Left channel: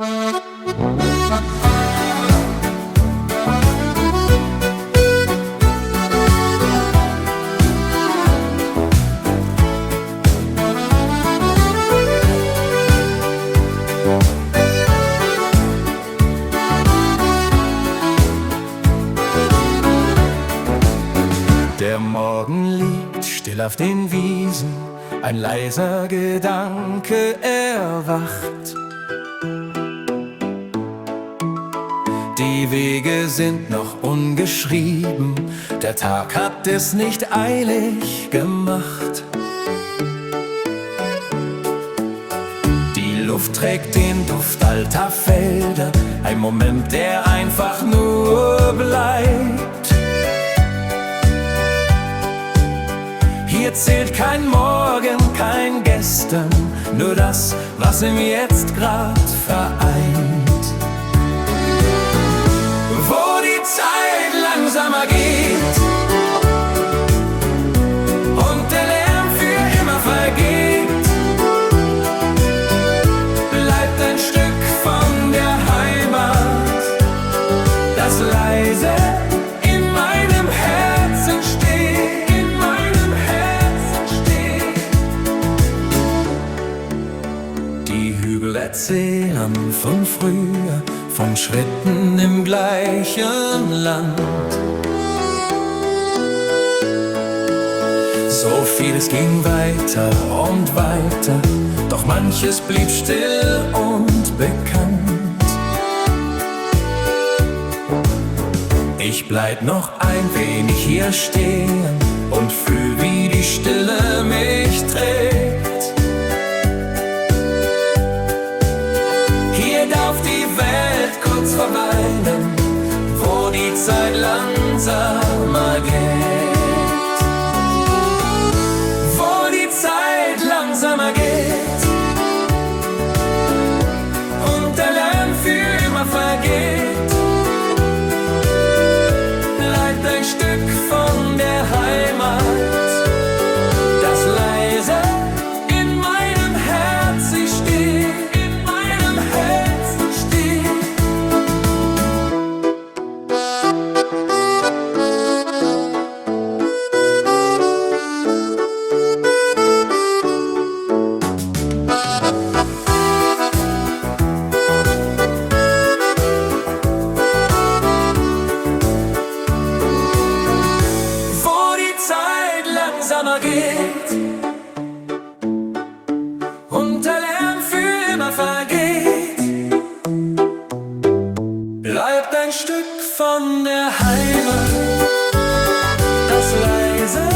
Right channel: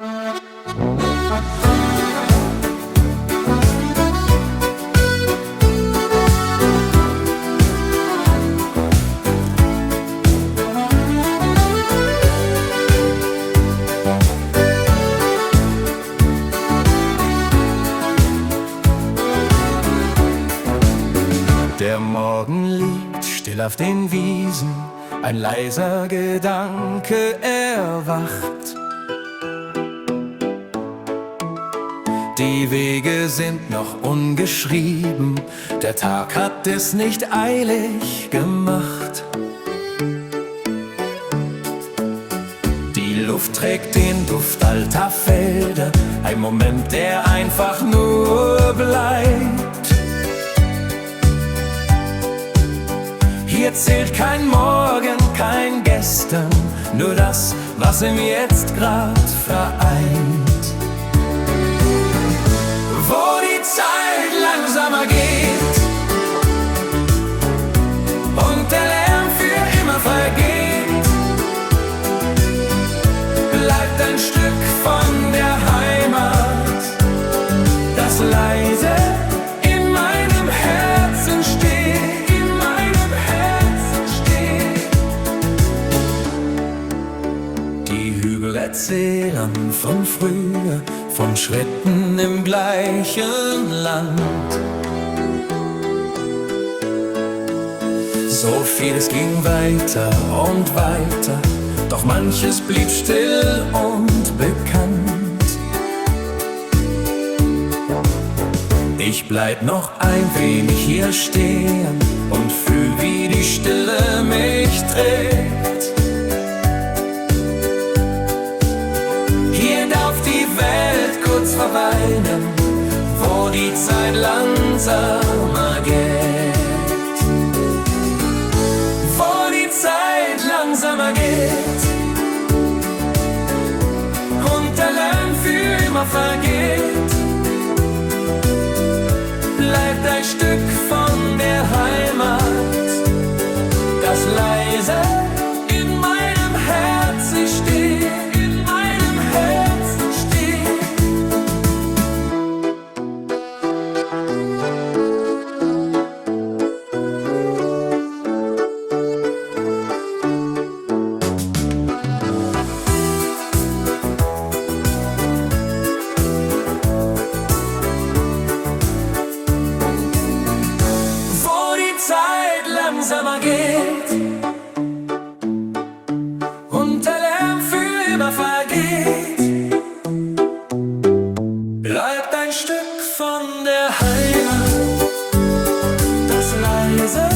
Der Morgen liegt still auf den Wiesen, ein leiser Gedanke erwacht. Die Wege sind noch ungeschrieben, der Tag hat es nicht eilig gemacht. Die Luft trägt den Duft alter Felder, ein Moment, der einfach nur bleibt. Hier zählt kein Morgen, kein Gestern, nur das, was im Jetzt grad vereint. Wo die Zeit langsamer geht und der Lärm für immer vergeht, bleibt ein Stück von der Heimat, das leise in meinem Herzen steht. Die Hügel erzählen von früher, von Schritten im gleichen Land. So vieles ging weiter und weiter, doch manches blieb still und bekannt. Ich bleib noch ein wenig hier stehen und fühl, wie die Stille mich trägt. Hier darf die Welt kurz verweilen, wo die Zeit langsamer geht. Wo die Zeit langsamer geht und der Lärm für immer vergeht, bleibt ein Stück von der Heimat, das leise in meinem Herzen steht. Langsamer geht und der Lärm für immer vergeht, bleibt ein Stück von der Heimat, das leise